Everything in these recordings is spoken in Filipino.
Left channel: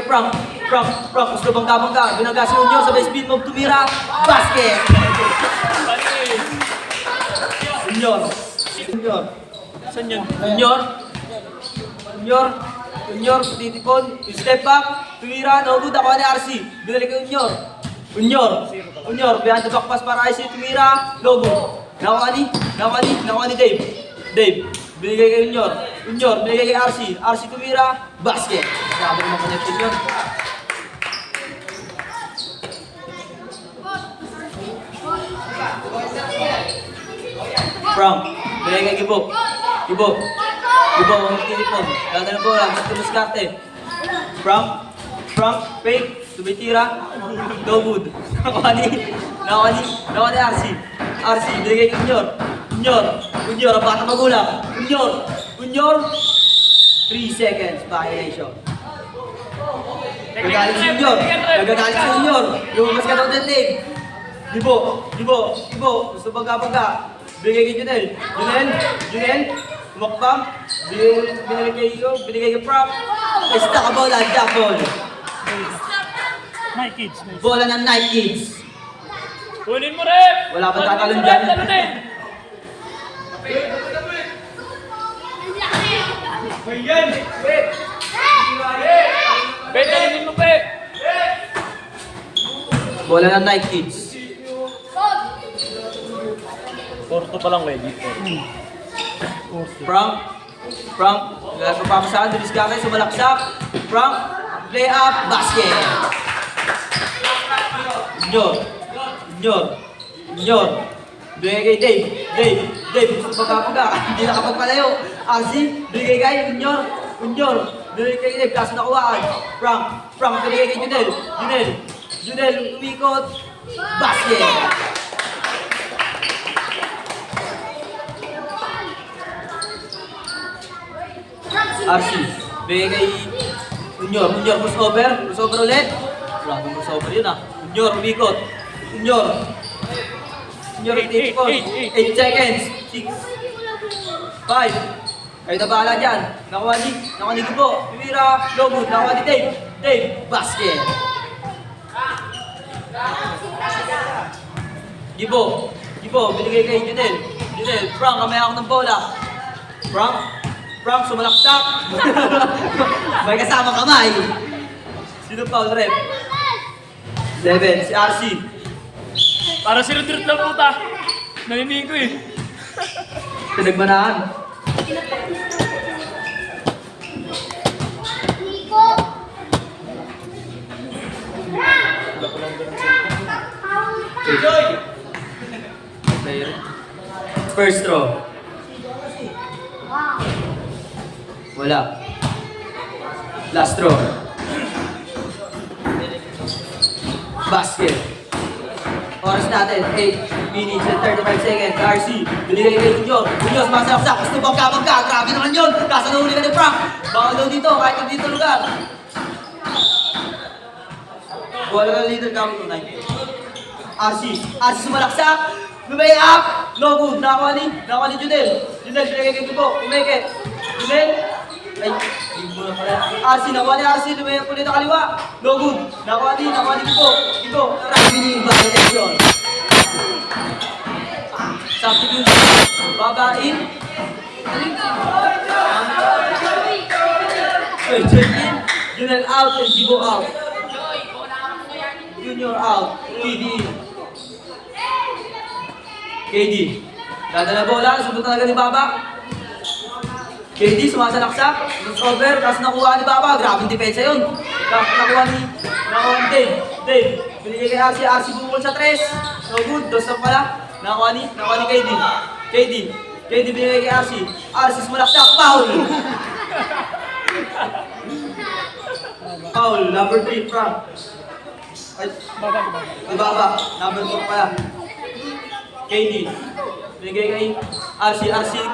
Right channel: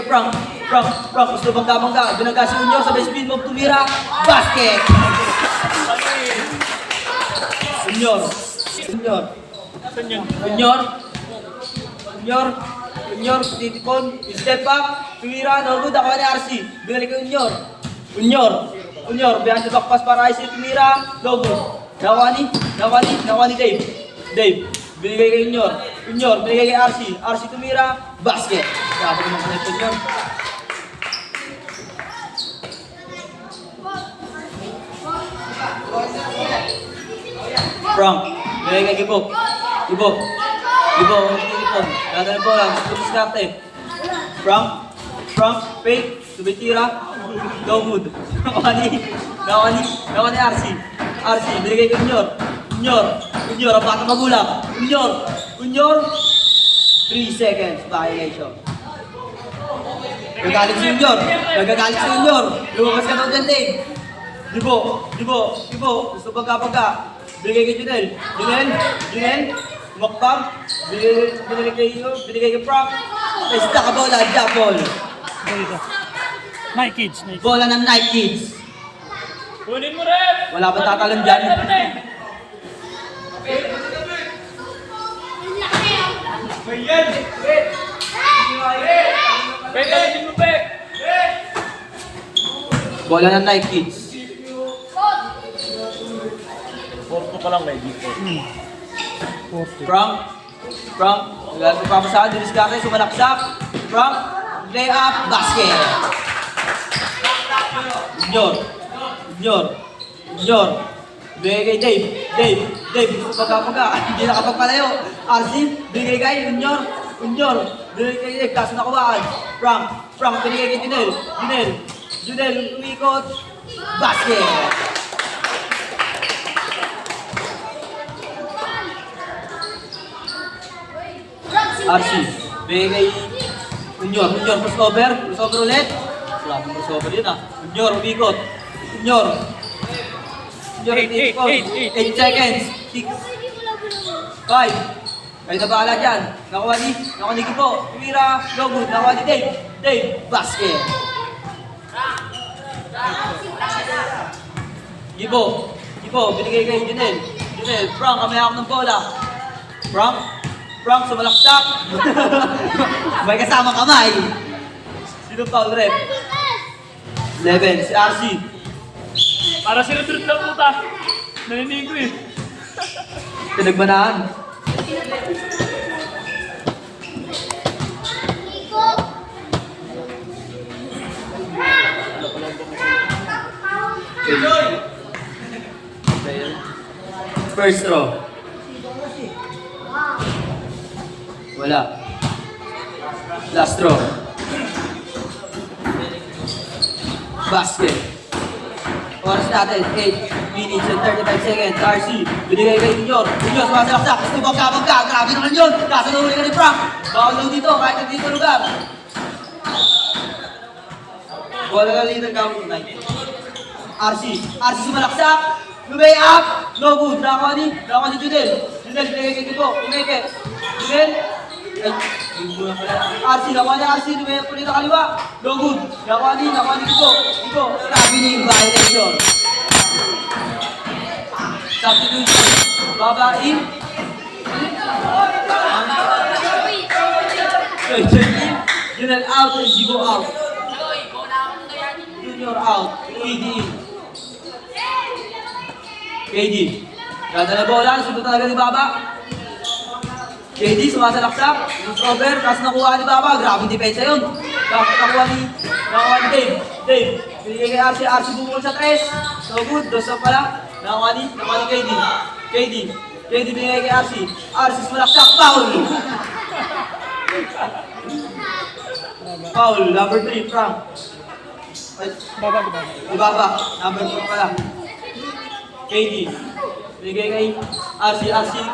Frank, gusto bangga-bangga. Binaga si Unyor, sabay speed move, tumira. Basket! Unyor. Saan yun? Unyor, titipon, step back, tumira, no good, ako ni RC. Binalik kay Unyor, behind the back pass para RC, tumira, no good. Nakuha ni Dave, binigay kay Unyor, binigay kay RC tumira, basket. Grabe naman connected yun. Frank, binigay kay Gibo, ang tinipon. Ganda na bola, gusto diskarte. Frank, fake, tumitira, go good. Nakuha ni RC, binigay kay Unyor, ang bata magulang. Unyor, 3 seconds, violation. Nagagalit si Unyor. Lumabas ka daw dyan, Dave. Gibo, gusto bangga-bangga. Binigay kay Junel, tumakbang. Binigay kay Frank. Pesta ka bola, jump ball. Night Kids. Bola ng Night Kids. Kunin mo rin! Wala pa tatalon dyan. Pwede mo, pe! Bola ng Night Kids. Porto pa lang, ready. Frank, wala pa pamasaan, dulis ka kayo, sumalaksak. Frank, play up, basket. Unyor. Bigay kay Dave, pagkakapaga, hindi nakapagpalayo. RC, bigay kay Unyor, bigay kay Dave, kaso nakuhaan. Frank, bigay kay Junel, umikot, basket. RC, bigay kay Unyor, crossover ulit. Wala nang crossover yun ah. Unyor, umikot. Unyor, 8 seconds. 6, 5. Ay, nabala dyan. Nakuha ni Gibo. Pumira, no good. Nakuha ni Dave, basket. Gibo, binigay kay Junel, Frank, kamaya ako ng bola. Frank, sumalaksak. May kasama kamay. Sino pa ang rep? 11, si RC. Para sinudrot na puta. Naninig ko eh. Pinagbanaan. First throw. Wala. Last throw. Basket. Oras natin, 8 minutes and 35 seconds. RC, binigay kay Unyor. Unyor, sumasaksak. Gusto bangga. Grabe naman yun. Kaso na uli ka ni Frank. Bawal daw dito, kahit ang dito lugar. Wala na dito ang gamit tunay. RC sumalaksak. Lumay up. No good. Nakawa ni Junel, binigay kay Gibo. Umeke. Junel. RC, nakuha ni RC, lumay ulit ang kaliwa. No good. Nakuha ni Gibo. Winning violation. Substitution. Babain. Junel out and Gibo out. Junior out. KD. Ganda na bola. Sunod talaga ni Baba. KD sumasalaksak. Cover. Tapos nakuha ni Baba. Grabe depensa yun. Tapos nakuha ni Dave. Binigay kay RC bumukol sa 3. So good. Dos na pala. Nakuha ni KD binigay kay RC sumalaksak. Foul. Number 3. Frank. Baba. Number 4 pala. KD. Binigay kay RC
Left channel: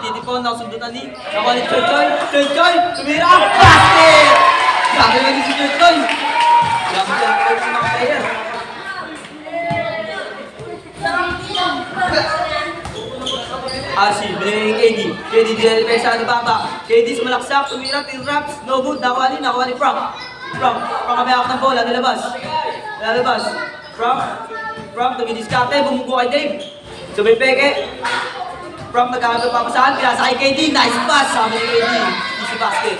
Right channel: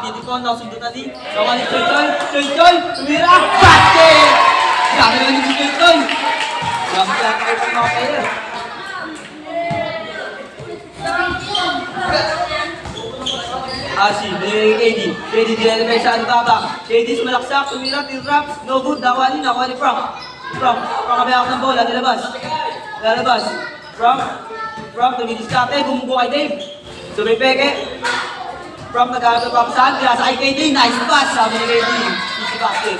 titipon. Nasundutan ni Choy. Tumira. Basket! Grabe naman si Choy. Grabe lang kayo sa mga player. RC, binigay kay KD. KD dinala kay sa Baba. KD sumalaksak. Tumira. Tinrap. No good. Nakuha ni Frank. From kamay ako ng bola, nilabas. Nilabas. From, tumidiskarte, bumugo kay Dave. Sabay peke. From nag-aagap ako saan, kaya sa kay KD, nice pass. Sabi ni KD, easy basket.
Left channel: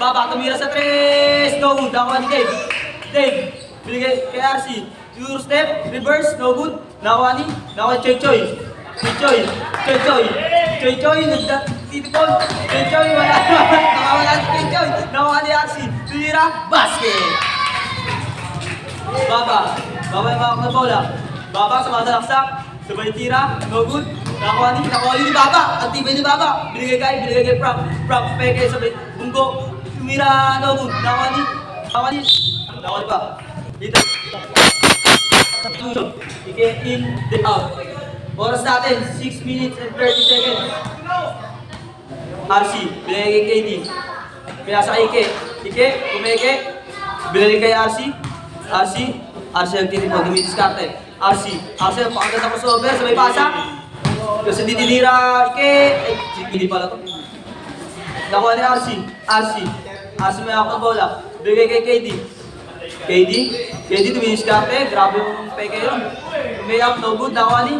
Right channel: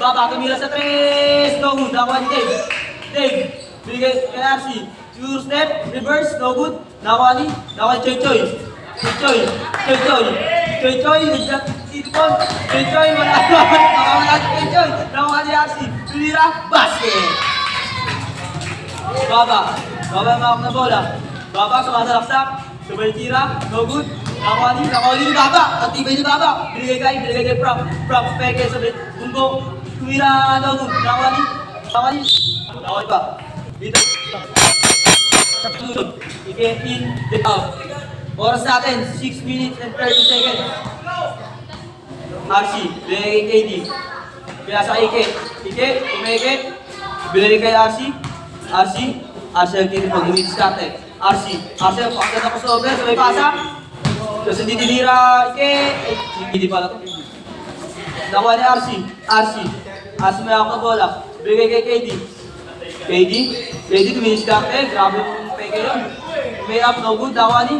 Baba, tumira sa 3. No good, nakuha ni Dave. Dave, binigay kay RC. Pure step, reverse, no good. Nakuha ni Choy. Choy, nagtitipon. Choy, wala si Choy. Nakuha ni RC. Tumira, basket. Baba yung mga na bola. Baba, sumasalaksak. Sabay tira, no good. Nakuha ni Baba. Aktibe ni Baba. Binigay kay Prop, peke, sabay, bunggo. Tumira, no good. Nakuha ni ba? Dito. Ike in, the out. Oras natin, 6 minutes and 30 seconds. RC, binigay kay KD. Kaya sa Ike, umeke. Binigay kay RC ang tinipon, dumidiskarte. RC, ang pakaganda ko sa over, sabay pasa. Kasi hindi tinira, hindi pala ito. Nakuha ni RC may ako ng bola. Bigay kay KD, dumidiskarte, grabe yung peke yun. May up, no good, nakuha ni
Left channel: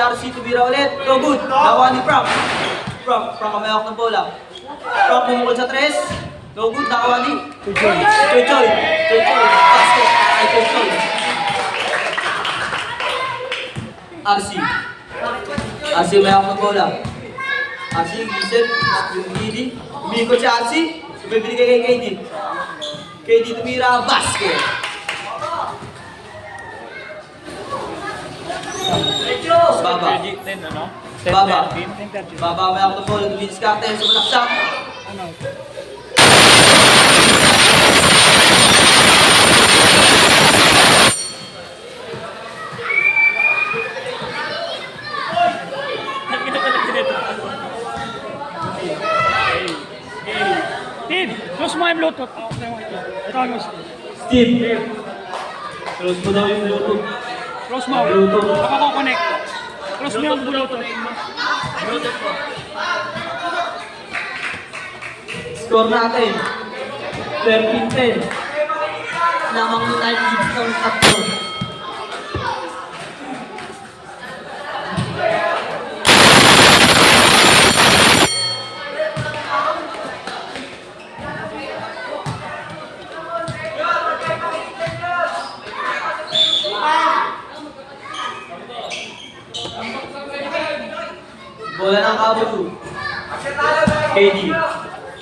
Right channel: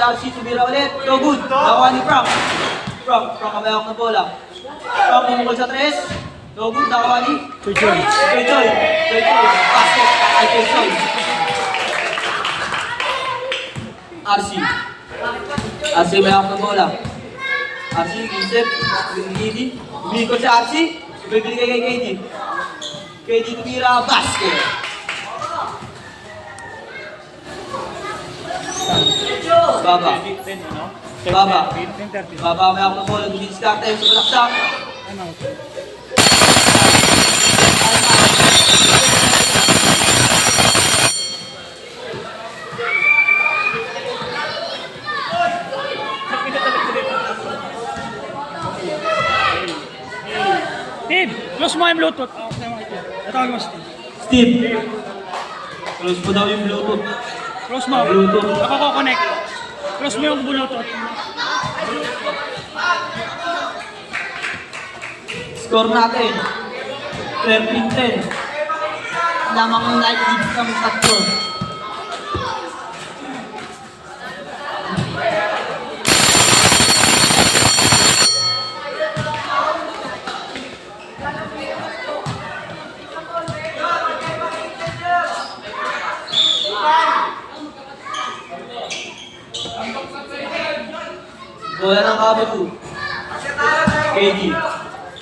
RC, tumira ulit, no good. Nakuha ni Prop, may ako ng bola. Prop, bumukol sa 3. No good, nakuha ni Choy. Basket. Ay, Choy. RC may ako ng bola. RC, gisip. KD. Umikot si RC. Bibili kay KD. KD tumira, basket. Baba may ako ng bola. Dumidiskarte. Sumalaksak. Close mo yung Bluetooth. Ito ang Steve. Close mo daw yung Bluetooth. Close mo. Bluetooth. Nakaka-connect. Close mo yung Bluetooth. Score natin. 13-10. Lamang mo na i-hits ng tatlo. Bola ng Kabagu. KD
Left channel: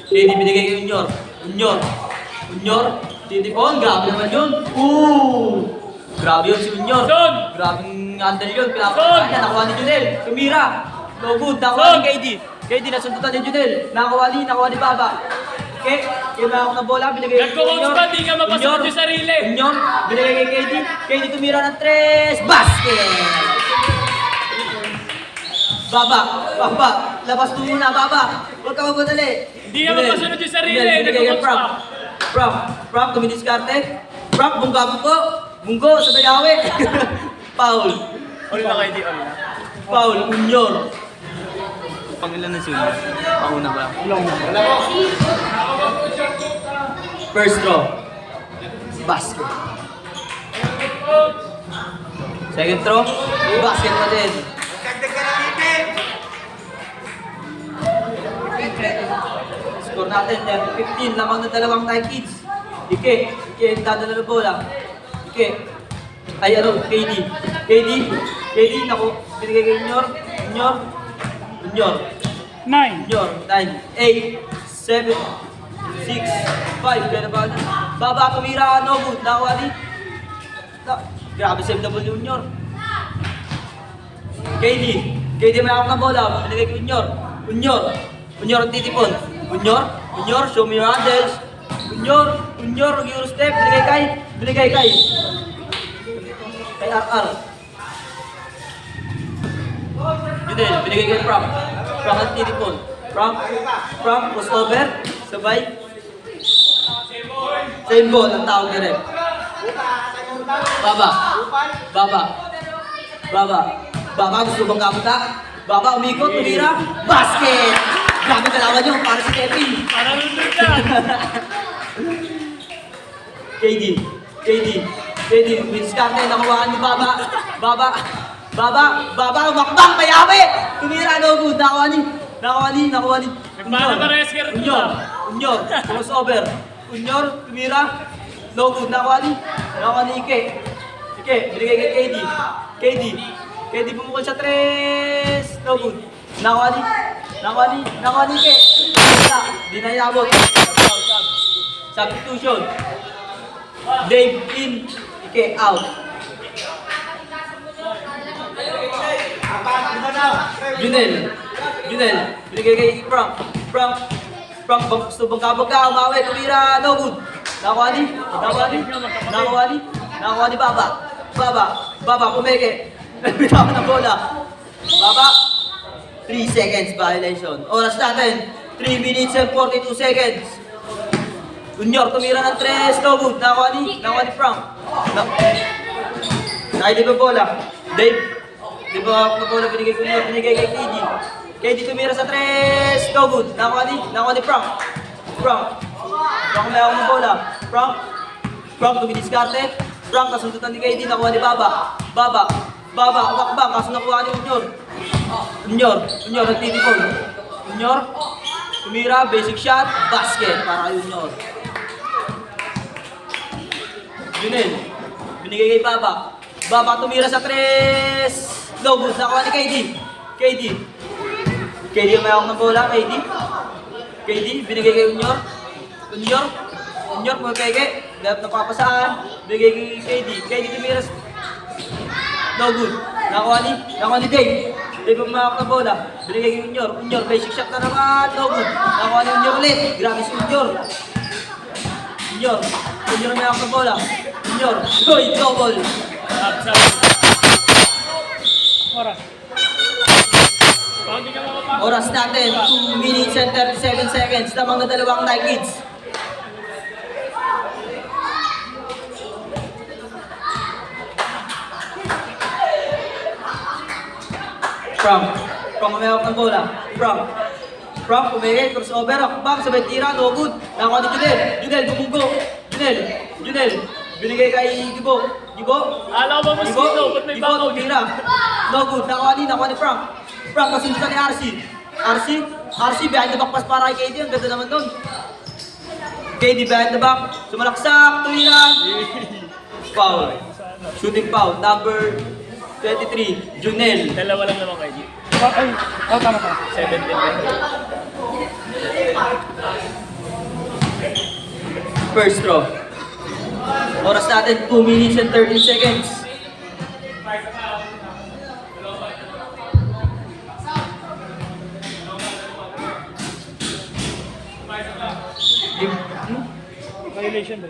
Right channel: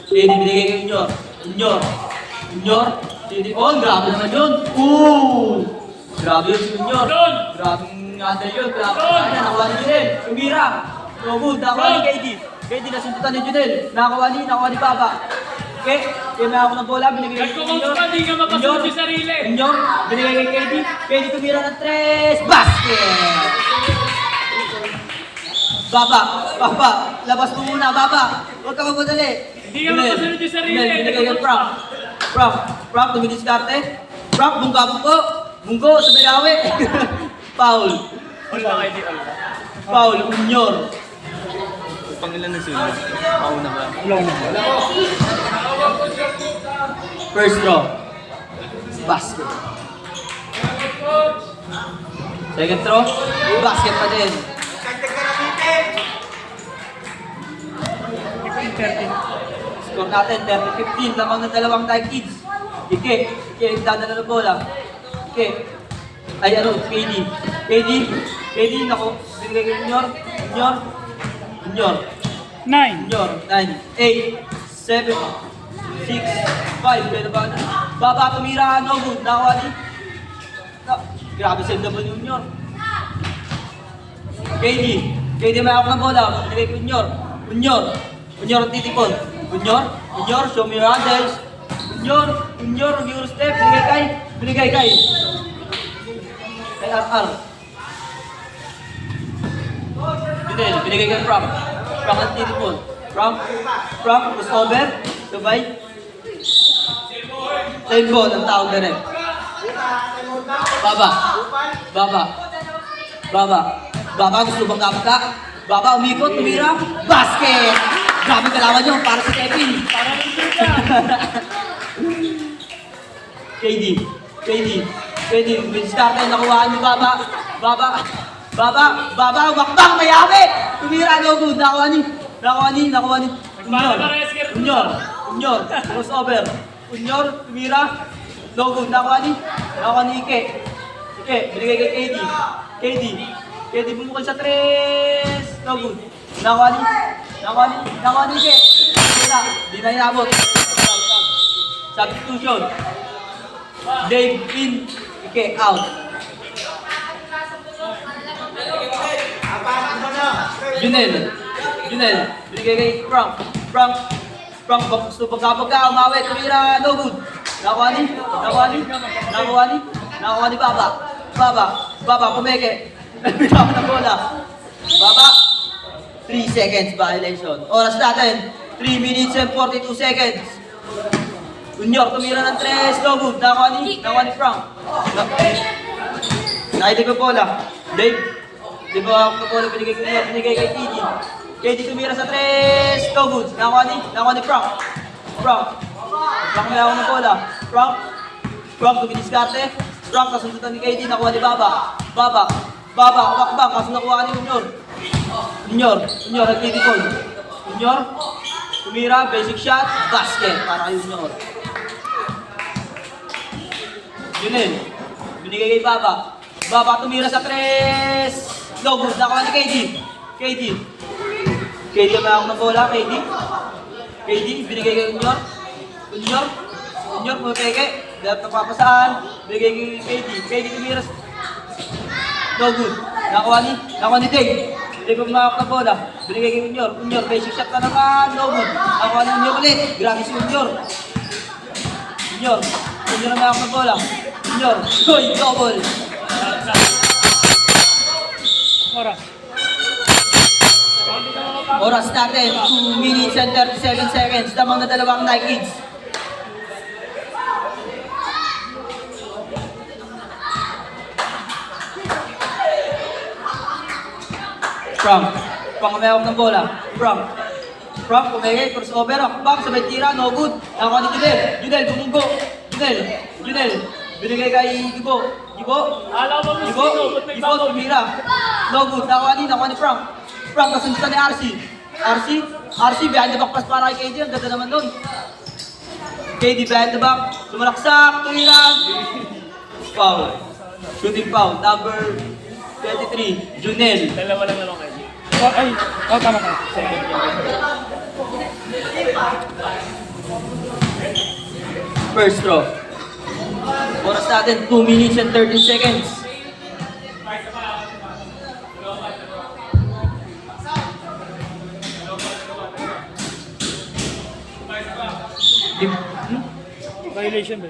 binigay kay Unyor. Titipon, grabe naman yun. Grabe yun si Unyor. Grabing under yun. Pinakakuha niya, nakuha ni Junel. Tumira. No good, nakuha ni KD nasundutan ni Junel. Nakuha ni Baba. Okay, may ako ng bola, binigay kay Nagko-coach pa, di ka makasunod yung sarili. Unyor, binigay kay KD tumira ng 3. Basket! Baba, labas mo muna, Baba. Huwag ka magmadali. Hindi ka makasunod yung sarili. Binigay kay Prop, tumidiskarte. Prop, bunggo, sa bayawe. Foul. Ulit na kayo di all. Foul, Unyor. Pangilan na sila? Pauna ba? First draw. Basket. Second throw, basket pa din. Score natin, 10-15. Lamang ng dalawang tie kids. Ike ang dadala ng bola. KD, naku. Binigay kay Unyor. 9. 9, 8, 7, 6, 5. Kaya na ba? Baba, tumira, no good. Nakuha ni. Grabe save double ni Unyor. KD may ako ng bola. Binigay kay Unyor ang titipon. Unyor, show me your handles. Unyor, mag-Euro step. Binigay kay RR. Binigay kay Prop ang titipon. Prop, crossover. Sabay. Same ball ang tawag na rin. Baba, gusto bang kapatak? Baba, umikot, tumira. Basket! Grabe kalawan nyo, para si Kevin. Para lang KD, Vince Carter, nakuhaan mo Baba, wakbak, mayawi! Tumira, no good, nakuha ni, Unyor, crossover, Unyor, tumira, no good, nakuha ni Ike, binigay kay KD, bumukol sa 3, no good, nakuha ni Ike, di na inabot, substitution, Dave in, Ike out. Junel, binigay kay Frank, subong-kabog ka, umawi, tumira, no good. Nakuha ni Baba, pumeke. Bitaw na bola. Baba, 3 seconds violation. Oras natin, 3 minutes and 42 seconds. Unyor, tumira ng 3, no good. Nakuha ni Frank. Nakita pa bola. Dave, di ba ako bola binigay kay KD. KD tumira sa 3, no good. Nakuha ni Frank. May ako ng bola. Frank tumidiskarte. Frank kasundutan ni KD. Nakuha ni Baba, wakbang, kaso nakuha ni Unyor, nagtitipon. Unyor, tumira, basic shot, basket para kay Unyor. Junel, binigay kay Baba tumira sa 3, no good. Nakuha ni KD may ako ng bola, KD, binigay kay Unyor, mo peke, dapat napapasaan, binigay kay KD tumira sa, no good. Nakuha ni Dave ang mahak na bola, binigay kay Unyor, basic shot na naman, no good. Nakuha ni Unyor ulit, grabe si Unyor ang mahak na bola, double. Oras natin, 2 minutes and 37 seconds. Lamang na dalawang Nike Kids. Frank umehok ng bola. Frank, pumigay, crossover, akbang, sabay tira, no good. Nakuha ni Junel, bumunggo. Junel, binigay kay Gibo, tumira. No good, nakuha ni Frank, masundutan ni RC, behind the back pass para kay KD, ang ganda naman doon. KD behind the back, sumalaksak, tumira. Foul, shooting foul, number 23, Junel. Dalawa lang naman kayo. Tama ka. 7 First throw. Oras natin, 2 minutes and 13 seconds. Violation.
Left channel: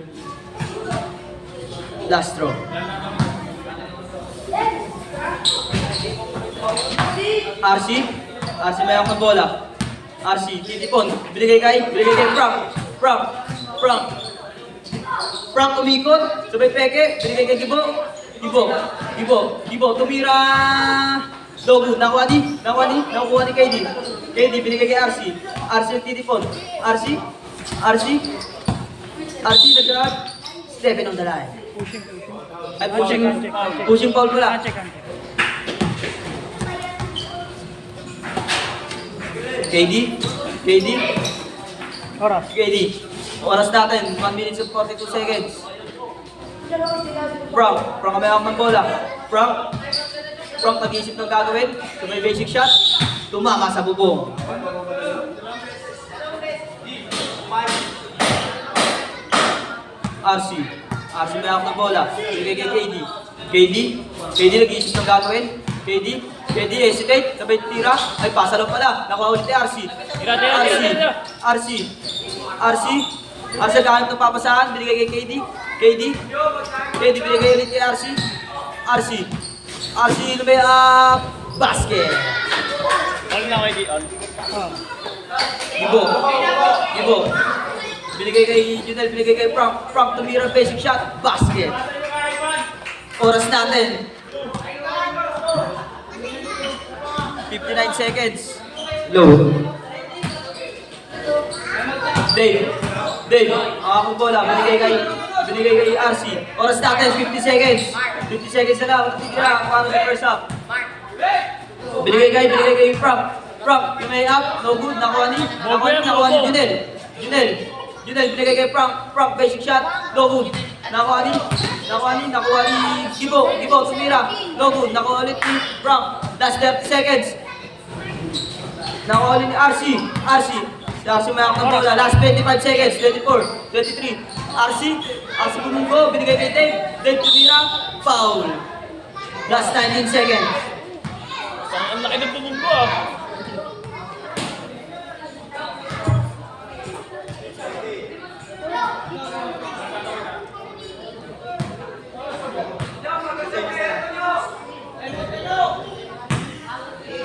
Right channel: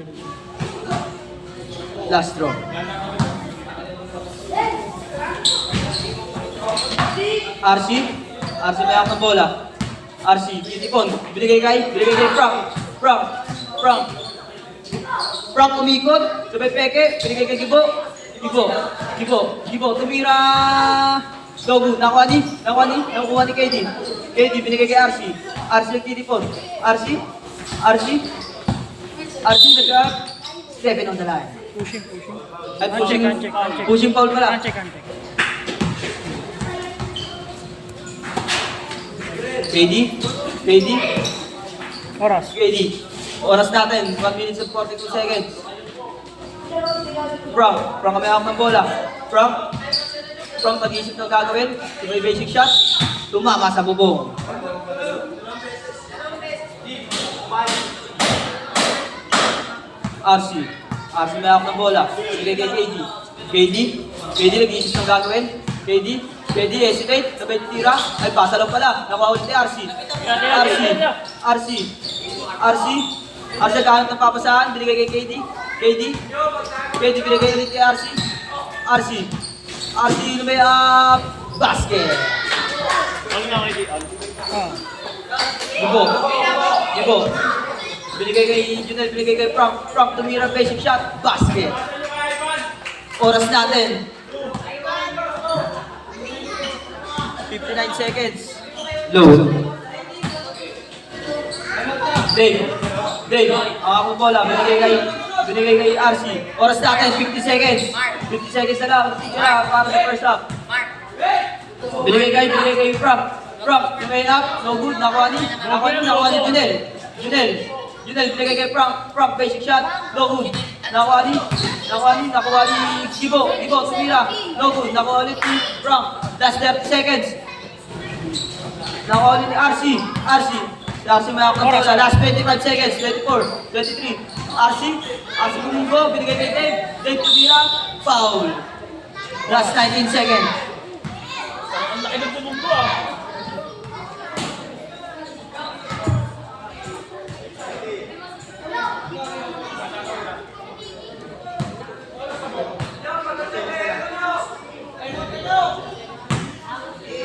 Last throw. RC may ako ng bola. RC, titipon. Binigay kay Frank umikot. Sabay peke. Binigay kay Gibo. Tumira. Dogu. Nakuha ni KD. Binigay kay RC. RC nagtitipon. RC nag-stepping on the line. Ay, pushing foul pala. KD. Oras natin, 1 minutes and 42 seconds. Frank may ako ng bola. Frank pag-iisip ng gagawin. Tumay basic shot. Tumama sa bubong. RC may ako ng bola. Bigay kay KD nag-iisip ng gagawin. KD hesitate, sabay tira, ay pasa lang pala, nakuha ulit ni RC kahit ng papasahan, binigay kay KD binigay ulit kay RC na may basket. Ano na kayo? Gibo, binigay kay Junel, binigay kay Frank tumira, basic shot, basket. Oras natin, 59 seconds. Low. Dave, ang bola, binigay binigay kay RC. Oras natin, 50 seconds. 50 seconds na lang, para sa first half. Binigay kay Frank. Frank, yung kay up, no good, nakuha ni Junel. Junel, binigay kay Frank. Frank, basic shot, no good. Nakuha ni Gibo, tumira, no good. Nakuha ulit ni Frank. Last 30 seconds. Nakuha ulit ni RC. Si RC makakontrola. Last 25 seconds, 24, 23. RC bumunggo, binigay kay Dave tumira, foul. Last 19 seconds. Ang laki ng tumong ko ah.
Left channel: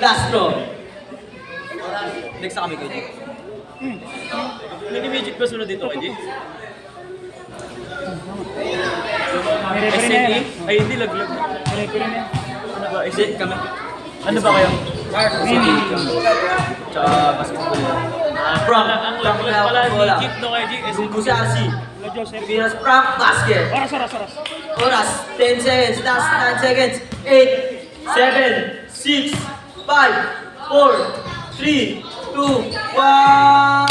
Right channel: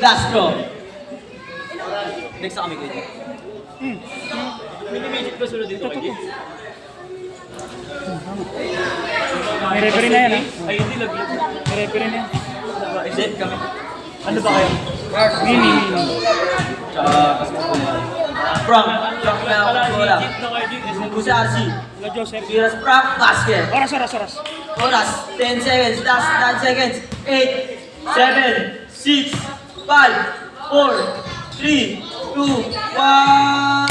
Last draw. Next sa kami ko ito. Mini-midget ba sunod dito kayo? Referee na yan. Ay, hindi laglag. Referee na yan. Hindi, kami. Ano ba kaya? Tsaka Frank na wala. Legit na kayo din. Bumunggo si RC. Lo Joseph. Tiras Frank, basket. Oras. Oras, 10 seconds, last 9 seconds. 8, 7, 6, 5, 4, 3, 2, 1.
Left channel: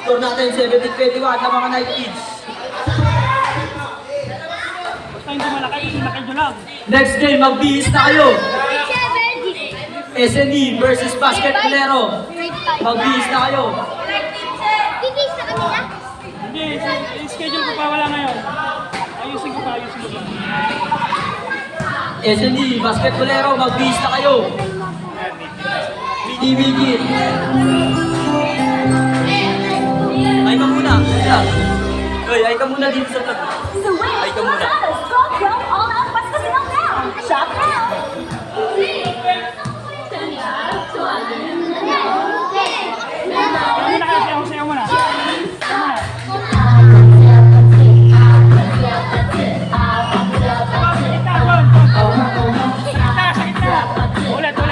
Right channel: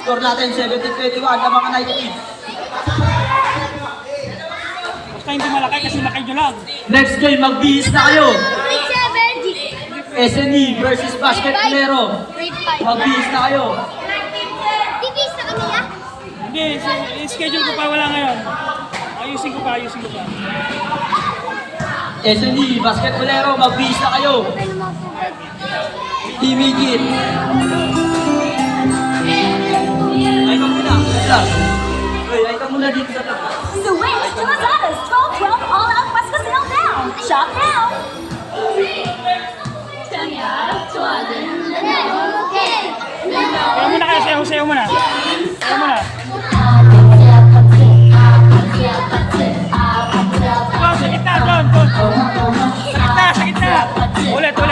Score natin 17-21 ng mga Night Kids. Basta hindi malaki kasi nakidyo lang. Next game, magbihis na kayo. SNE versus Basket Lero. Magbihis na kayo. Hindi, schedule ko pa wala ngayon. Ayusin ko pa. SNE, Basket Lero, magbihis na kayo. TV Kid. Ay ka muna. Ay ka muna dito sa tabi. Switch to Lazada's Top Club All-Out West Casino now! Shop now! Kaya muna kayo, sayaw muna. Sa gitna, John. Sa gitna. Ulit. Sa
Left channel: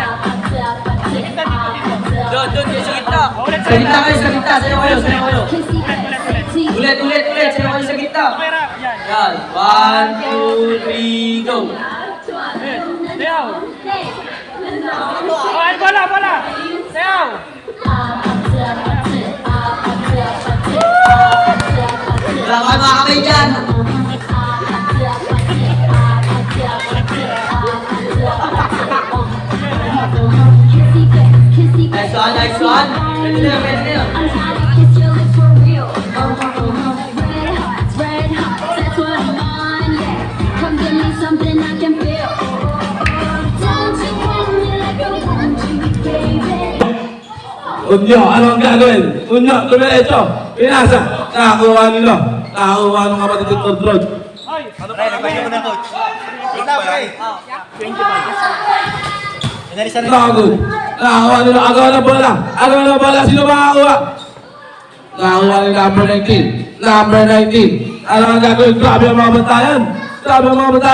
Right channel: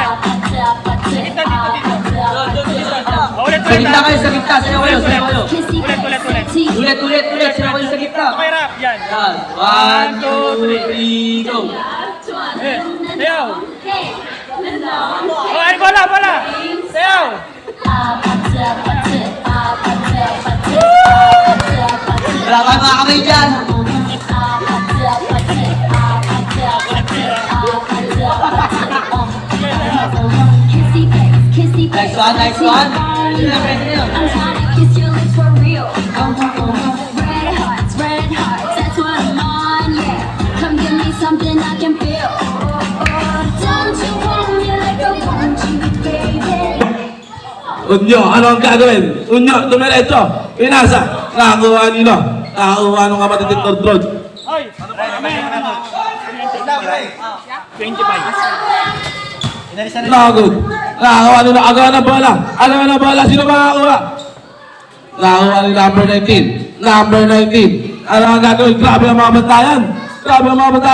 gitna, dito. Doon, sa gitna. Ulit. Sa gitna kayo, sa gitna. Sayaw kayo. Ulit. Ulit, sayaw kayo sa gitna. Kamera, yan. 1, 2, 3, go. Sayaw. Oh, ay, bola. Sayaw. Wala kayo mga kamay dyan. Nice one. I'm trying to kiss your lips for real. Red hearts, that's what I'm on, yeah. Come give me something I can feel. Don't you bring me like a don't you, baby. Unyo, anong gagawin? Unyo, dumiretso. Pinasa. Nakakuha nila. Nakakuha ng kapatid ng control. Hoy. 25. Nakakuha nila. Agawa ng bola. Sino makakuha? Nakakuha ni number 19. Number 19. Ano ang gagawin? Grabe ang mga bantayan.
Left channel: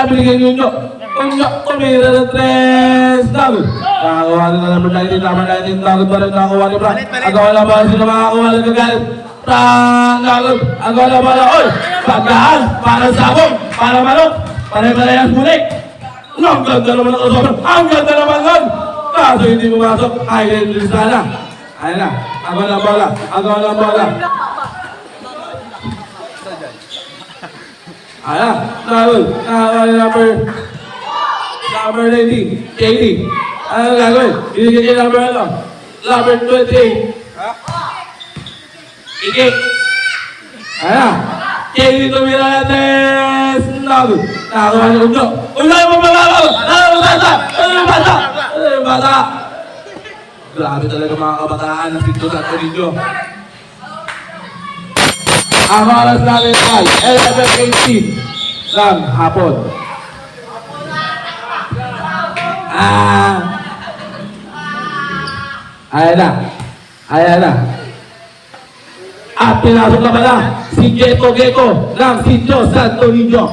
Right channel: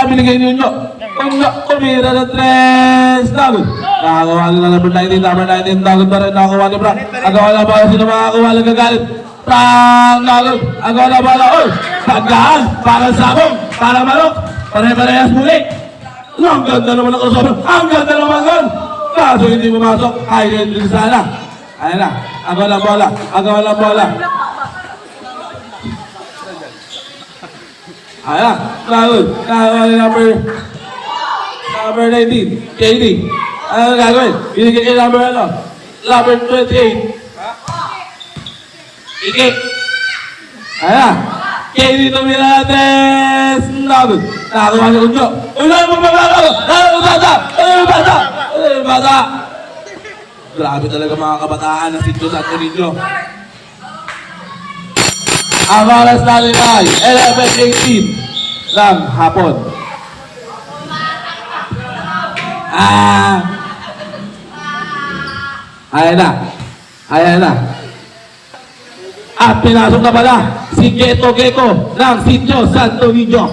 Binigay ninyo. Unyo, tumira ng 3. Nakakuha nila number 19. Number 19. Nagod pa rin. Nakakuha ni Frank. Agawa ng bola. Sino makakuha? Nagagalit. Frank, nagod. Agawa ng bola. Oy! Pagdaan. Para sabong. Para manok. Pare-parehas mulik. Ang ganda naman ng usapan. Ang ganda naman nun. Kaso hindi pumasok. Ay, hindi sana. Ayan na. Agaw ng bola. Ayan. Nagod. Number 19. KD. Ano gagawin? Binigyan niya number 28. Ikip. Ayan na. KD tumira natin. Nagod. Nakakuha niya unyo. Unyo yung magbabagaw. Bata. Grabe talaga mga kabataan ng Sitio Santo Niño. Ang oras natin ay 11:18 ng hapon. Ayan na. At pinasok na pala si Geto Gecko ng Sitio Santo Niño.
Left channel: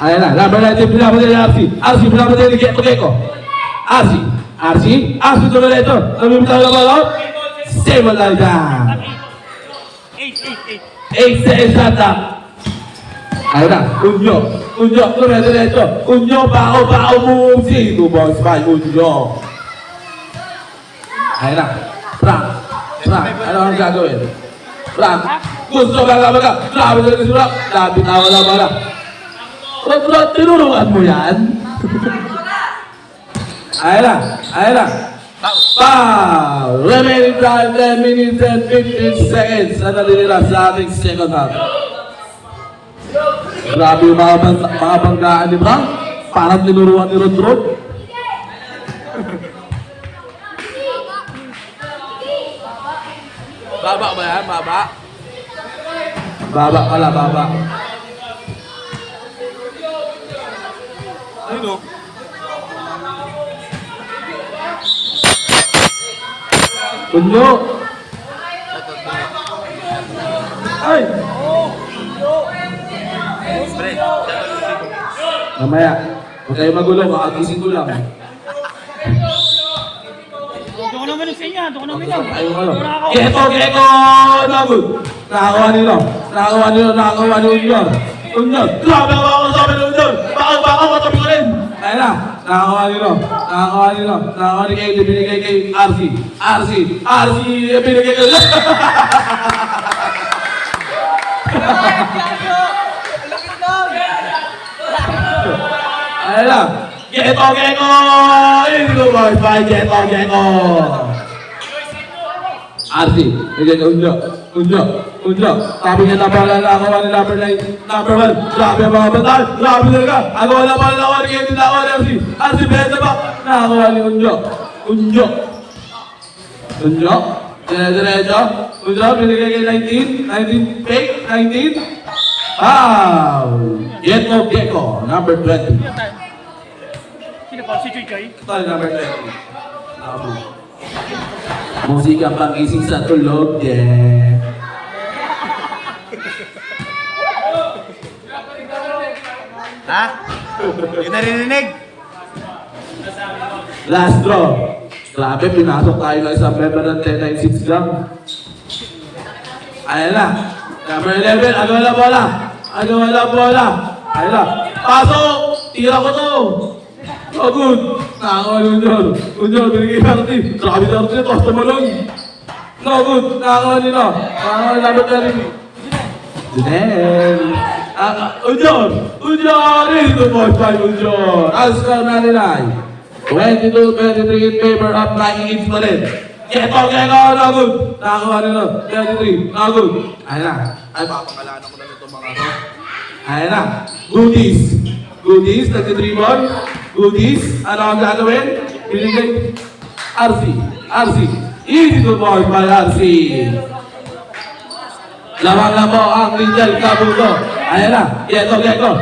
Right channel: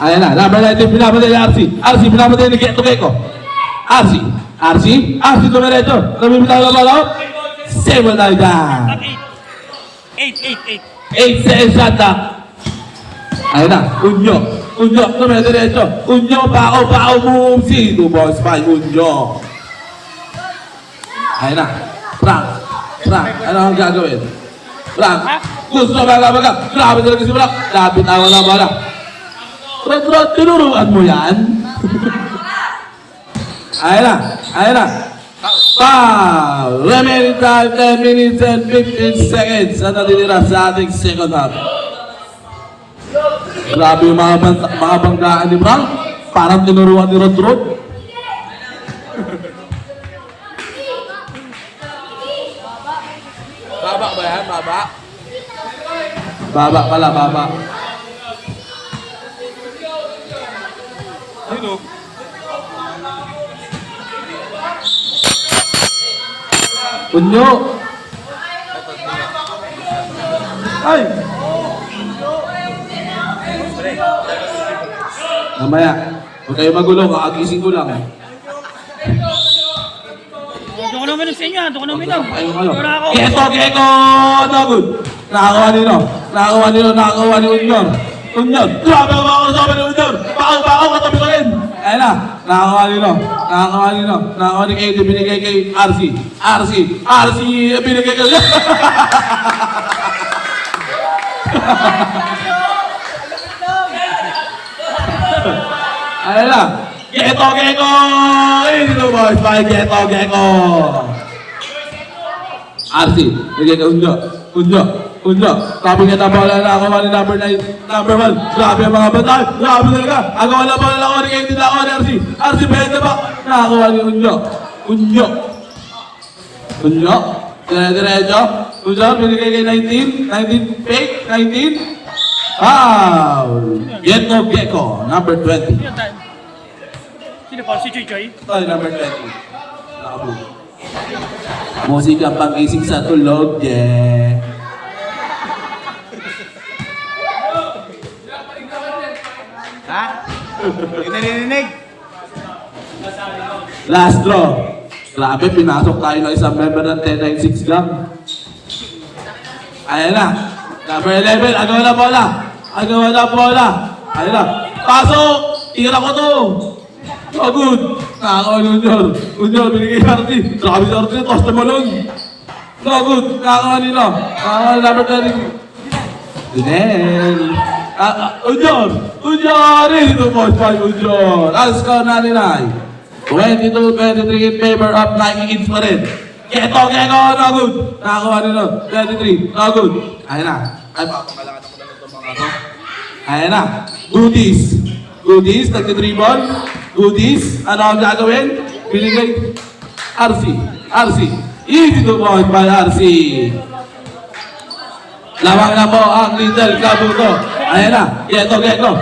Ayan na, number 19 pinapatay ni RC. RC pinapatay ni Geto Gecko. RC RC dumiretso. Namimitaw na ball out. Save tayo dyan. 8 seconds ata. Ayun na, Unyo, dumiretso. Unyo, pao, mumumsi. 2 points by Unyo. Ayun na, Frank, ano ang gagawin? Frank, gusto ba? Grabe talaga si Frank. Lapit na wala ba na. Rod, tinuruan mo yan? Ayun na. Foul! Remaining time, 10 minutes and 15 seconds na nalilira sa ating second half. Grabe yung mga banggaan ni Frank. Parang tinuruan ni Rod. Baba ba yan? Baba? Baba pala. Ayun o. Unyo! Ay! Mamaya, huwag kayo magulo, kakagising ko lang. Doon ko naman sa inyo, doon ko naman lang. Ayun kayo. Wala ako. Geko! Nagod! Nakakuha ni Unyor. Grabe ang mga kasabi ni Unyor! Bakaw, katabi ko rin! Ayun na, nakakuha ni KD, binigay kay RC, binigay kay... Ayun na, Geko! Ito boys, by Geko! RC, binigay kay Unyo. Sabi niya na pala nakakuha ni number 1. Grabe ang mga batal. Grabe talaga. Agawa na pala nakakuha ni KD, nakakuha ni RC. RC behind the back. Nakakuha ni Unyo. Diretso. Unyo, binigay kay 19 fake, 19. Foul. Geko, number 20. Sino pa? Si Chuy. Tayo number 20. Nakabuo. Musika pang-gising sa tulog, yeah. Ha? Hindi narinig. Last draw. Grabe, pinasok tayo ng isang member ng 1096 gram. Ayan na. Number 11, ano na bola? Ayan na. Pasok! Tira ko to! Oh, good! Nakakawa ni Unyor, binigay yung RT. Grabe yung RT, toss na malong. No, good! Nakakawa nila. Nakakawa ni number 10. Dunel! Unyor! Ito po, Unyor! Ang score na nila ay 22-23 in favor of Nike Infrared. Geko, no good! Nakakawa nila. 23, no good! Ayan na. Ay, mapakalaan ako na ito mga ako. Ayan na. Goodies, nagtitribon. Goodies, ano ang gagawin? Binigay. RC. Easy to boy by RC. Lamang na po ang Little Kabuto. Ayan na. Geko.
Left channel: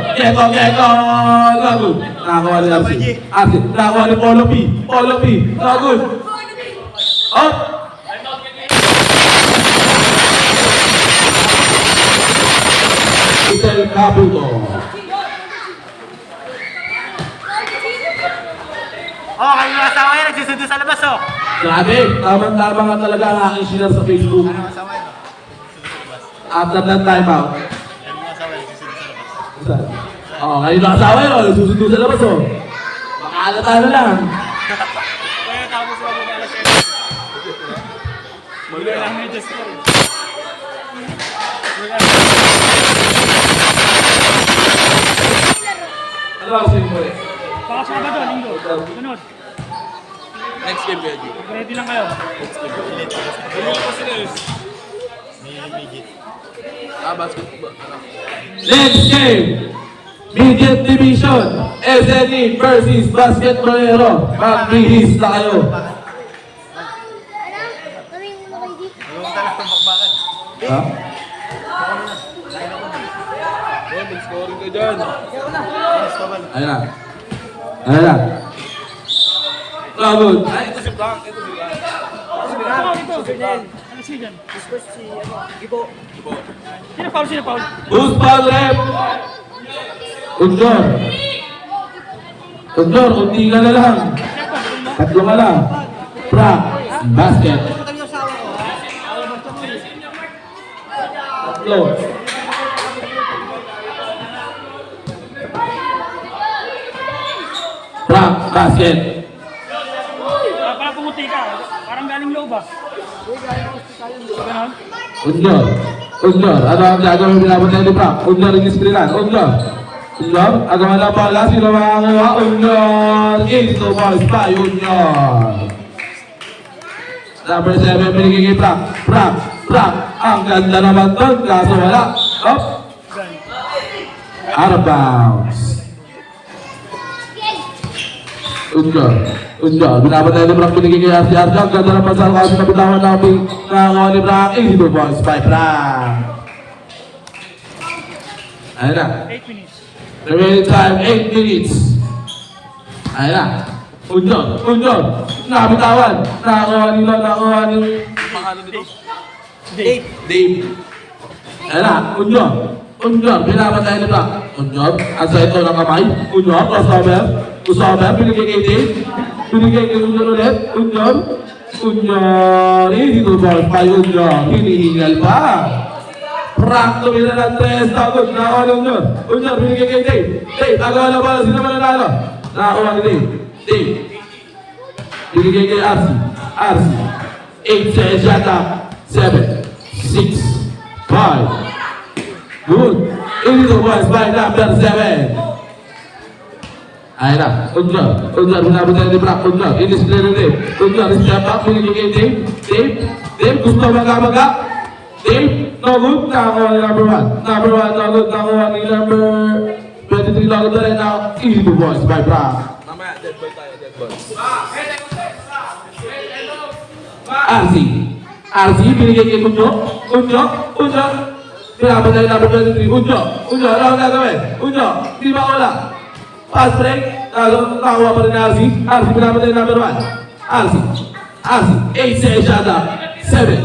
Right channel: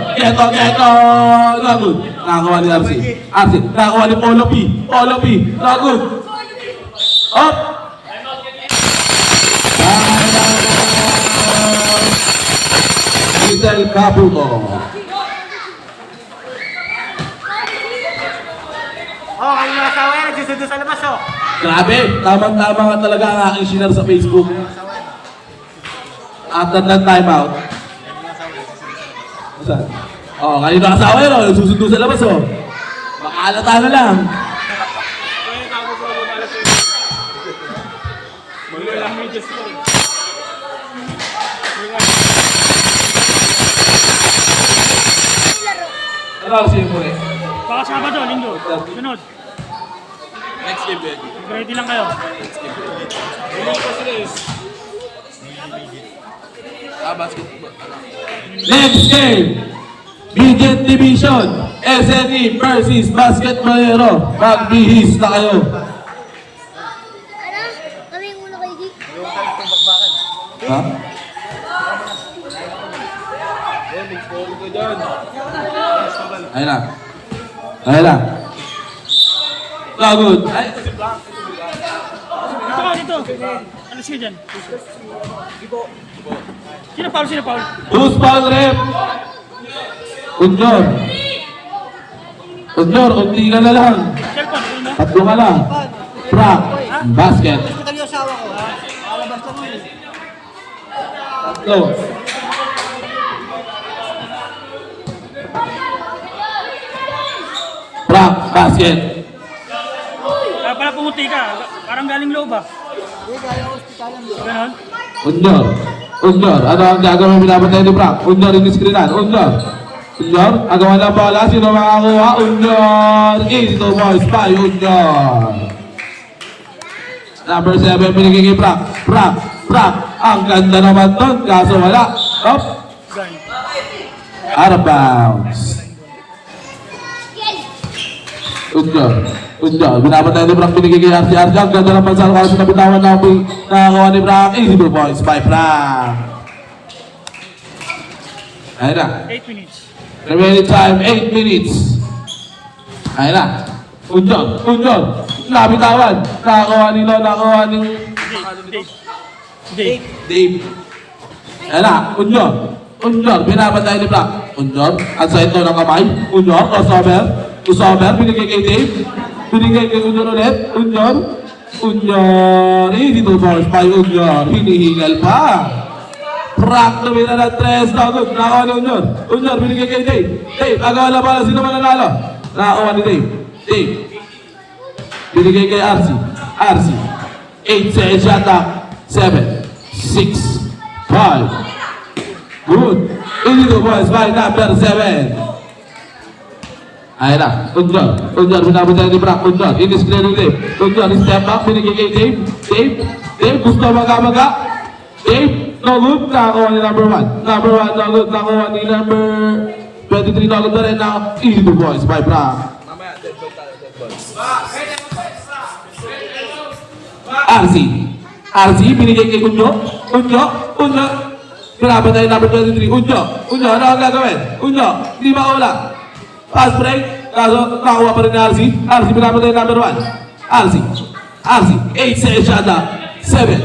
Good. Nakakuha ni RC. Nakakuha ni Polo P. Good. Up. Little Kabuto. Kayo yung asawa yan, nagsusundo sa labas, oh. Grabe, tama nga talaga ang aking share sa Facebook. After that time out. Kayo na asawa yun, nagsusundo sa labas, oh. Makaalata na lang. Mag-iwan lang medyas ko. Ano ba kasi mo eh? Baka Sabado, Linggo. Sunod. Next game, ready. Ready lang kayo. Basketball. Ano? Next game, Midget Division, SNE versus Basketballero. Magbihis na kayo. Kami muna kayo dito. Ha? Ayun na. Pagod. Ito. Ano siya dyan? Sino foul? Who's foul rep? Unyor, hindi ka na lang. Checkpoint, ano ba? Tatlo ka lang. Frank, basket. Tatlo. Frank, basket. Para pumuti ka. Parang galing loob ah. Ganon? Unyor. Unyor. Ano ang gagawin pinapatay ni Frank? Unyor in screenan. Unyor. Unyor. Agawan ng bola. Sino makakuha? Unyor. Easy to boys by Unyor. Number 7 binigay kay Frank. Frank. Frank. Ang ganda naman doon. Kaso wala. Up. Out of bounds. Unyor. Unyor. Binapatay ni Frank. Binigay kay RC. RC. Ang ganda naman sa kasi nabitawan namin. Nakakuha ni Frank. Easy to boys by Frank. Ayun na. 8 minutes. Remaining time, 8 minutes. Ayun na. Unyor. Unyor. Nabitawan. Nakakuha nila. Nakakuha ni Dave. Dave. Ayun na. Unyor. Unyor. Pinapatay ni Frank. Unyor. Ang sa ito ng kamay. Unyor. Crossover. Crossover. Binigay kay Dave. Binigay kay Unyor ulit. Unyor. Unyor. Easy to bounce by Unyor. Hinihingal pa. Frank lumina ng 3. Tagod. Nakakuha ni Unyor. Unyor. Binigay kay Dave. Dave. Agawa na pala. Sino mananalo? Nakakuha ni Dave. Dave. Binigay kay RC. RC. 8 seconds yata. 7, 6, 5. Good. Illegal boys by number 7. Ayun na. Unyor. Unyor. Binabutay ni Frank. Unyor. Inis clear ni Dave. Unyor. Step back. Binigay kay Dave. Dave. Dave. Gusto maga-maga. Dave. No good. Nakakuha ni number 1. Number 1. No good. Nakakuha ni number 23. No good na rin na illegal boys by Frank. RC. RC. Binigay kay Unyor. Unyor. Unyor. Pinapatay ni number 23. Unyor. Unyor. Ano ang gagawin? Unyor. Di ba wala? Pass break. Kaso nakakuha pa rin ni RC. RC pinapatay ni number 1. RC. RC. 8 seconds shot up. 7,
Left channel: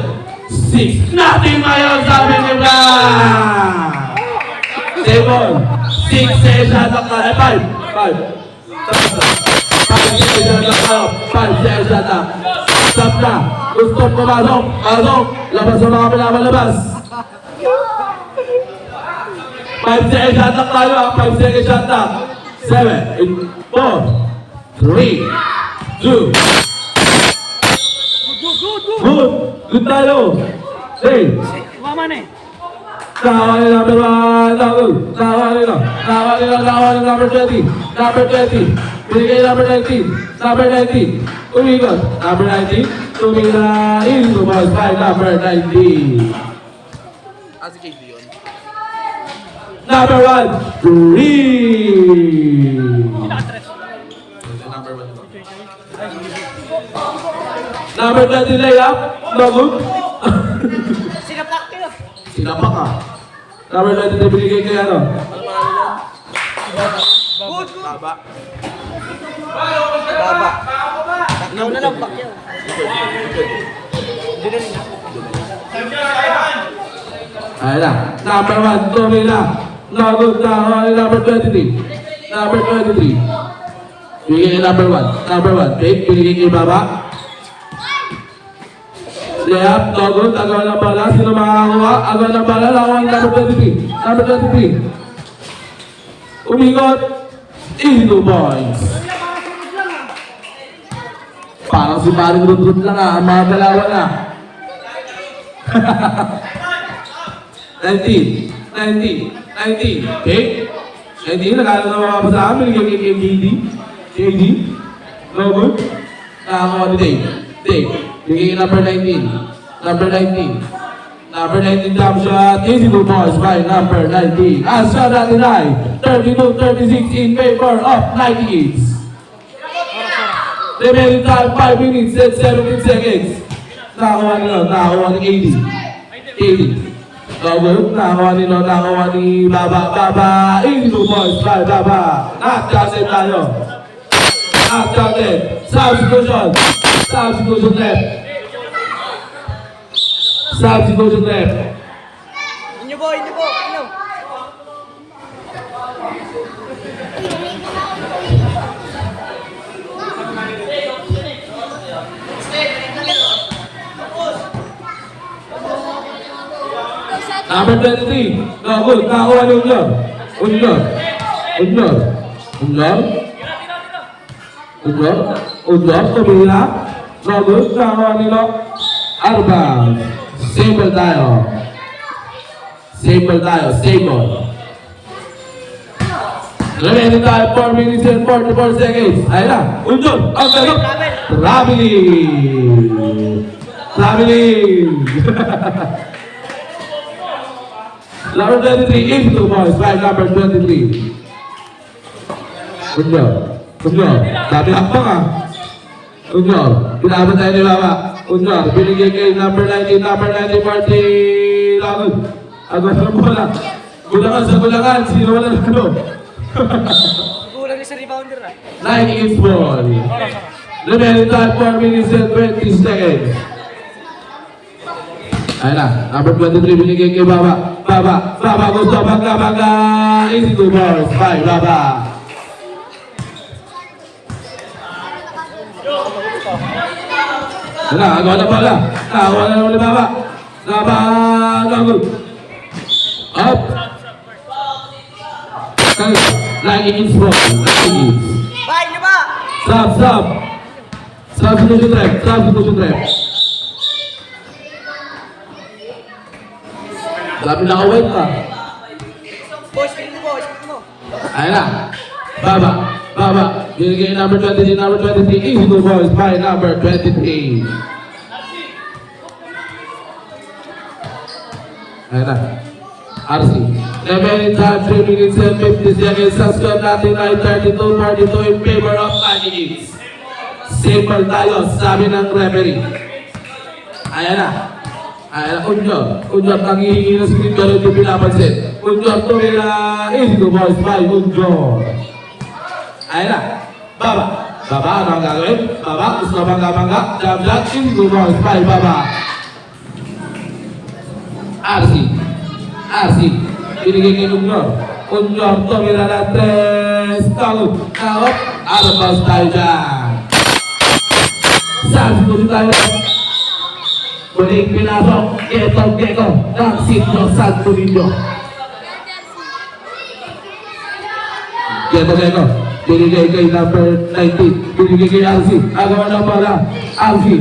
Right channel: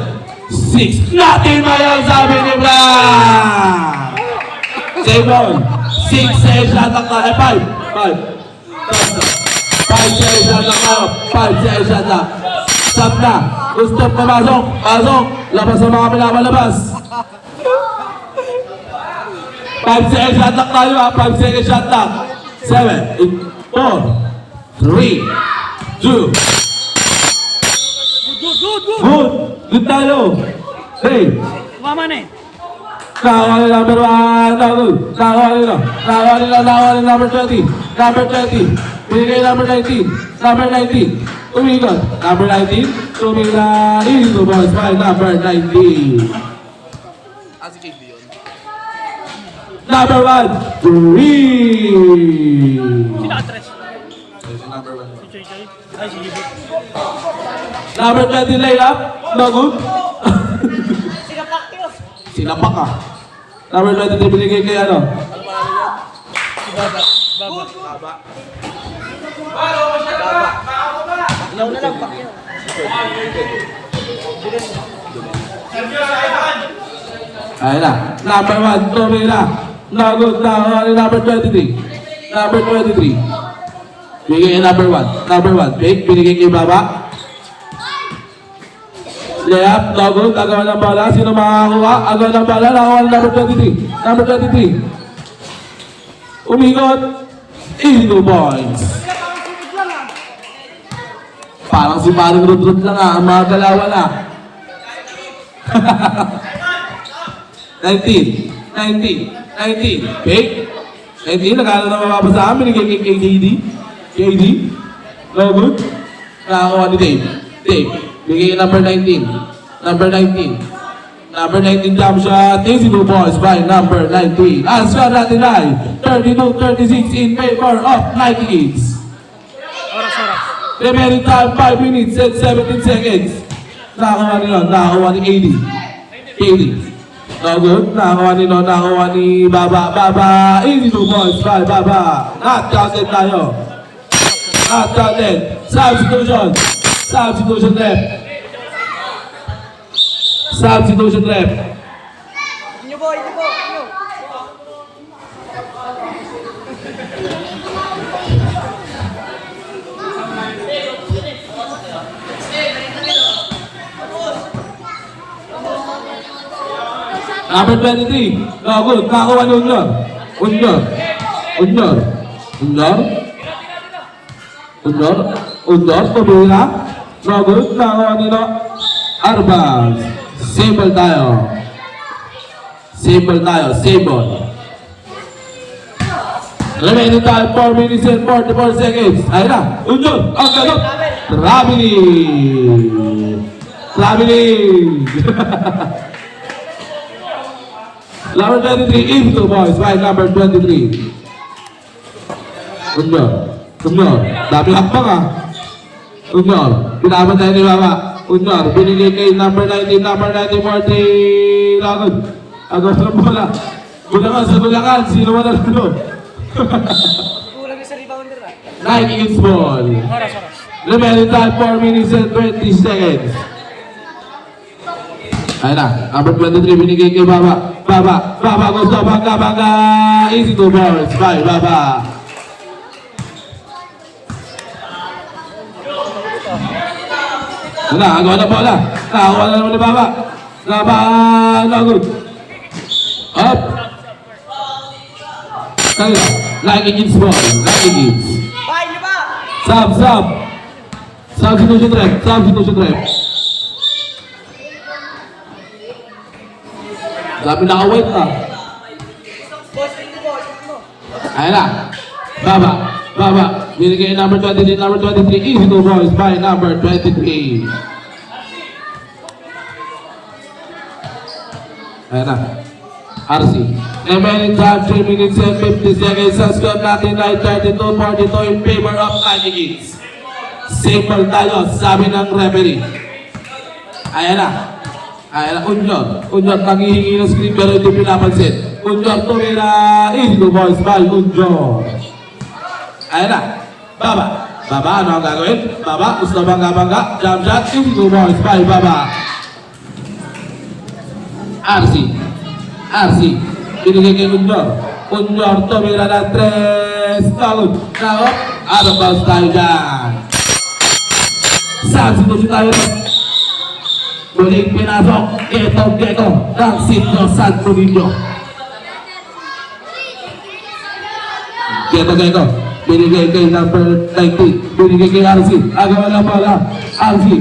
6. Nothing na yan sabi ni Frank. Simon. 6 seconds shot up na. 5. 5 seconds shot up. 5 seconds shot up. Stop na. Gusto pumasok. Pasok. Labas sa mga pinamalabas. 5 seconds shot up tayo ha. 5 seconds shot up. 7, 4, 3, 2. Good. Good tayo. 3. Mama na eh. Nakakuha ni number 1. Nakakuha nila. Nakakuha ni number 20. Number 20. Binigay number 19. Number 19. Umigot. Number 19. Tumila. Ito boys by number 19. Number 1. 3. Pinaka-tres. Number 20 layup. No good. Sinapak ka. Number 20 binigay kay ano? Ayun na. Number 1. Tumila. No good. Number 23. Number 23. Binigay kay number 1. Number 1. Fake. Binigay kay Baba. Layup, no good. Agawan ng bala. Sino makakakuha? Agawan ng bala. Nakakuha ng number 23. Number 23. Umigot. Eagle boys. Parang si Maring Rudrud lang ah. Ang mga dalawa na. 19. 19. Okay? 19. Nakala na makapasahan. Binigay kay KD. KD. No good. Nakakuha ni Dave. Dave. Bigay number 19. Number 19. Number 19 jump shot. Easy to boys by number 19. As for that deny. 32-36 in favor of 98s. Remaining time 5 minutes and 17 seconds. Nakakuha nila. Nakakuha ni AD. AD. No good. Nakakuha ni Baba. Baba. Easy to boys by Baba. Not counted tayo. Not counted. Substitution. Substitution left. Substitution left. Inyo po. Number 23. No good. Nakakuha ni Unyor. Unyor. Unyor. Unyor. Unyor. Unyor. Kabila. No good. Nakakuha nila. Arbaz. Sable tayo. Sable tayo. Sable. Remaining time 4 minutes and 44 seconds. Ayun na. Unyor. Ang galop. Traveling. Traveling. Number 23, into boys, by number 23. Unyor. Unyor. Dami hakbang ah. Unyor. Pinabot tayo ni Baba. Unyor. Binigay kay number 19, number 90, Marty. Lagot. Agos na bola. Bulangan sa bulangan. Sino man ang lalo? Kulang sa rebounder ah. Nike is ball. Remaining time 4 minutes and 20 seconds. Ayun na, number 23 binigay kay Baba. Baba, Baba gusto bangga. Easy to boys, bye Baba. Ayun na, agaw na pala. Nakakuha na naman ni Baba. Baba, nagod. Up. Like against ball, like against. Bahay niyo ba? Sub. Substitution rep. Dami na away na. Boss, ito mo. Ayun na. Baba. Binigay number 23, number 23. Easy to boys by number 23. Ayun na. RC. Remaining time 3 minutes and 50 seconds. Sa score natin ay 32-42 in favor of Vikings. Simple tayo, sabi ng referee. Ayan na. Unyor, nangihingi ng screen pero hindi pinapansin. Unyor, tumira. Easy to boys by Unyor. Ayan na. Baba, ano ang gagawin? Baba, gusto bangga. Jump shot, easy to boys by Baba. RC. Binigay kay Unyor. Unyor, tumira na 3. Tagot. Now, out of bounds tayo dyan. Sa situasyon tayo. Muling pinasok. Geto. Ng Sidno Santo Niño. Geto. Binigay kay number 19. Binigay kay RC. Agawa na pala. RC.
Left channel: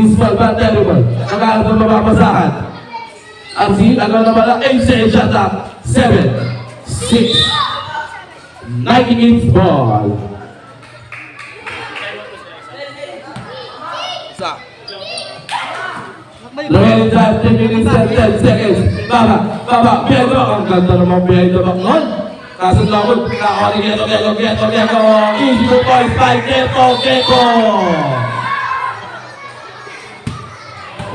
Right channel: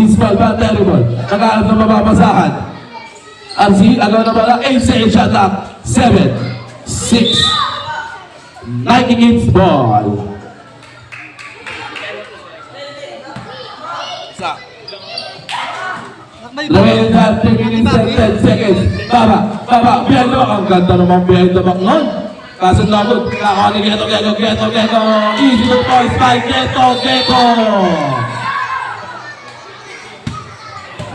Isbal ba terrible. Nakaharap ng mababasahan. RC. Agawa na pala. Ace shot up. 7, 6. Nike games ball. Lagay na 3 minutes and 10 seconds. Baba, Pedro. Ang ganda naman Pedro nun. Kaso lakot, nakakuha ni Geto. Easy to boys by Geto.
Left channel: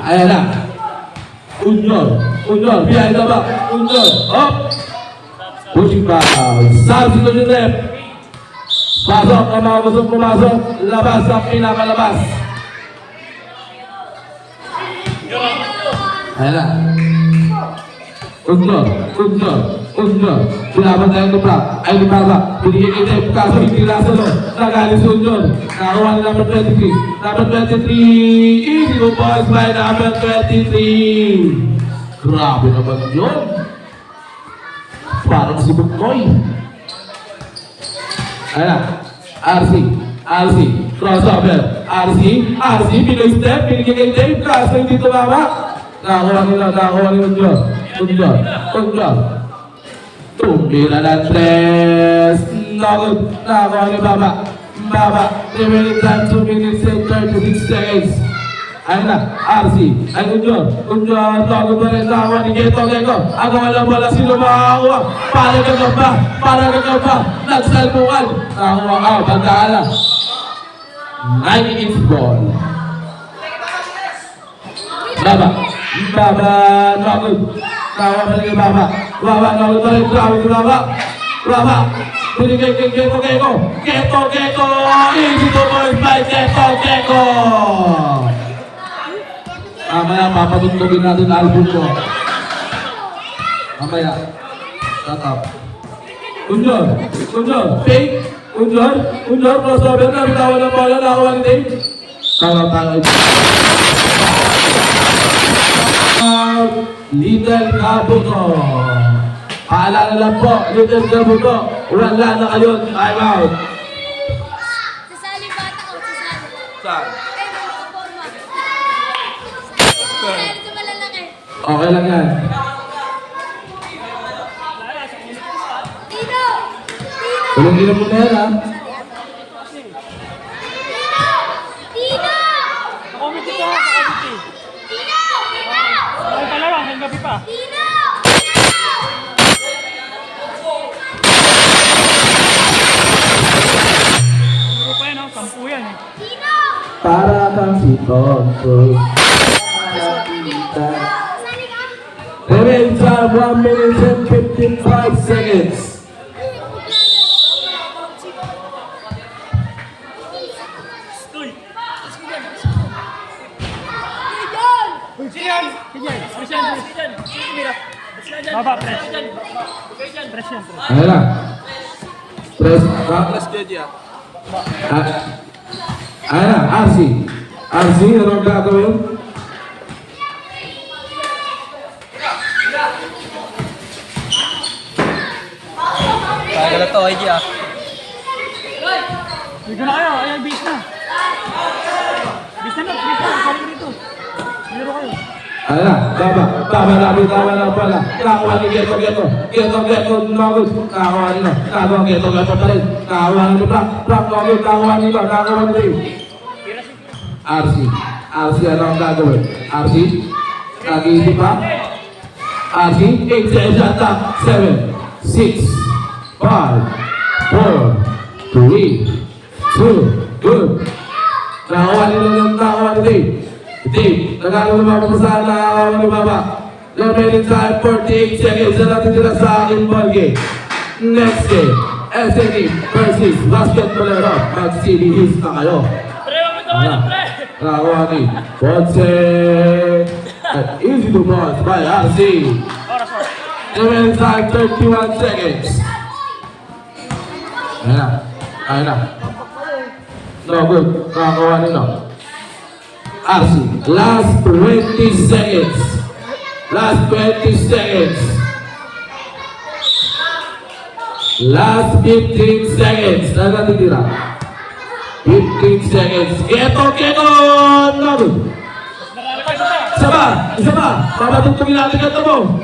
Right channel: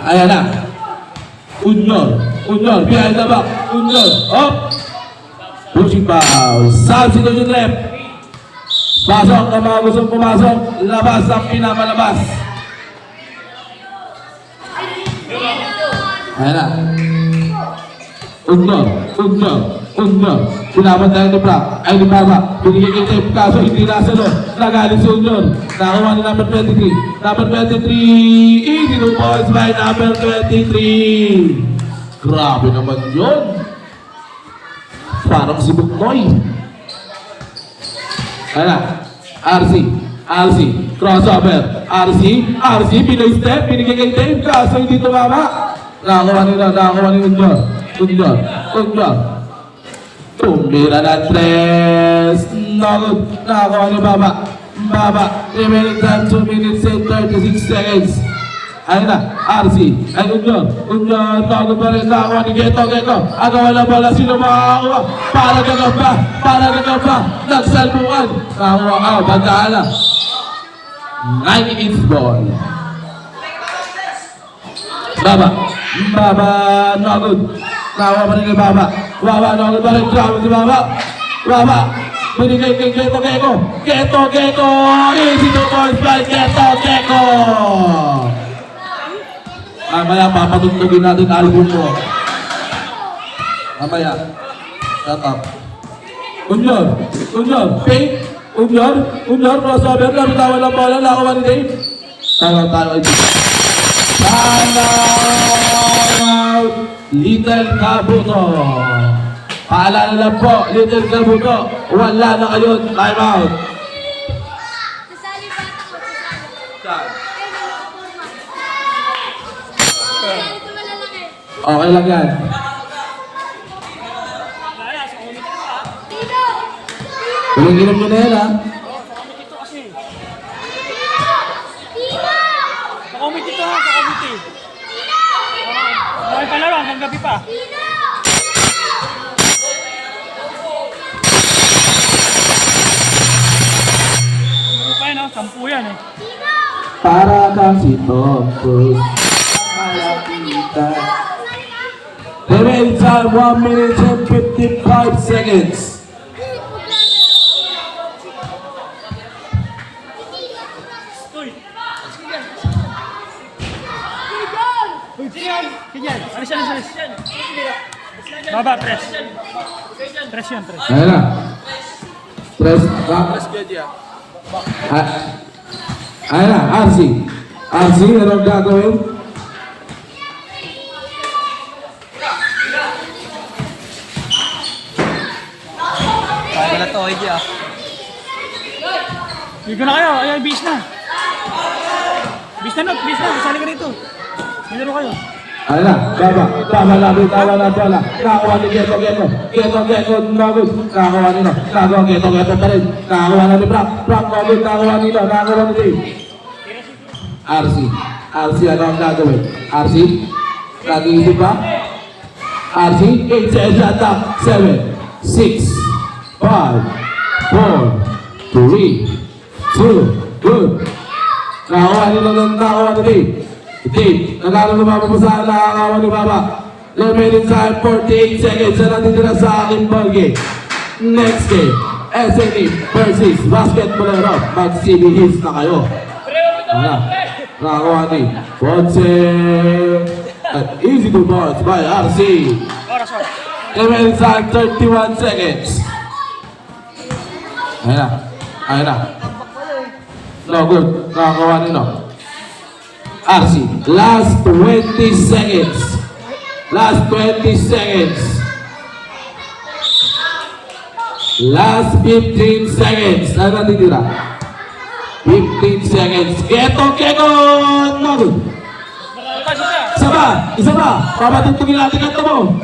Ayan na. Unyor, behind the back. Unyor, up. Pushing foul. Substitution left. Pasok ang mga gustong pumasok. Labas ang pinapalabas. Ayan na. Unyor. Pinapan tayo ni Frank. Ay ni Baba. Binigay kay Dave. Kaso hindi nasa no. Nagalit si Unyor. Nakakuha ni number 23. Number 23. Easy to boys by number 23. Grabe naman yun. Parang si Buknoy. Ayan na. RC. Crossover. RC. Pinoy step. Binigay kay Dave. Kaso hindi tumama. Nakakuha ni Unyor. Tumira na 3. Nakakuha ni Baba. Remaining time 2 minutes and 36 seconds. Ayun na, RC. Ay, Unyor. Tago pa rin. Nakakuha ni Geto. Agawa lang pala. Sino makakakuha? Para gagaw pa. Nagsalbukan. Nakakuha. Pagkaala. Nike is ball. Baba, nagod. Tawa pa rin kay Baba, nagod pa rin. Grabe si Baba. Binigay kay Geto. Easy to boys by Geto. Mamaya, papatugtugin natin album ko. Mamaya. Shut up. Unyor. Fake. Unyor. Crossover na. Bitawan na pala. Nakakuha ni Dave. Tayo. Little Kabuto. Paalala lang po, Little Kabuto, wala na kayo, time out. Sasali bata ko, sasali. Saan? Sasali ko malalaki. Okay lang yan. Dino! Ilang mo na yan, ha? Dino! Kakomiti to ha, kakomiti. Bawal pa lang, hanggang gabi pa. Dino! Puro pa yun, 10 yan eh. Para kang si Tonto. Remaining time 1 minute and 55 seconds. Ganyan, alis yan, alis. Baba, press. Press yan, press. Ayan na. Press. Plus Jody ah. Ayan na, RC. RC, anong gagawin? Tagal na to, ID ah. Ligo na kayo, ayun, bis na. Bis na, sali ka rito. Laro kayo. Ayan na, tama na pala. Nakakuha ni Geto, Nogod. Nakakuha ni Geto pa rin. Nakakuha ni Frank Nogod, nakakuha ni Ray. RC, ano ang gagawin? RC, nag-iisip pa? RC, 8 seconds yata. 7, 6, 5, 4, 3, 2, good. Nakakuha ni Ray. Dave, nanalo na mga pasahan, nakakawa ni Baba. Remaining time, 48 seconds. Yan natin sila sa aking ball game. Next game, SNE versus Basketballero. Mag-CB hits na kayo. Ayan. Nakakuha ni Ponce. At easy to bounce by RC. Oras. Remaining time, 31 seconds. Ayan na. No good. Nakakuha ni RC, last 20 seconds. Last 20 seconds. Last 15 seconds. Ano natitira? 15 seconds. Keto! No! Isa pa! Papatutugin natin ito mo.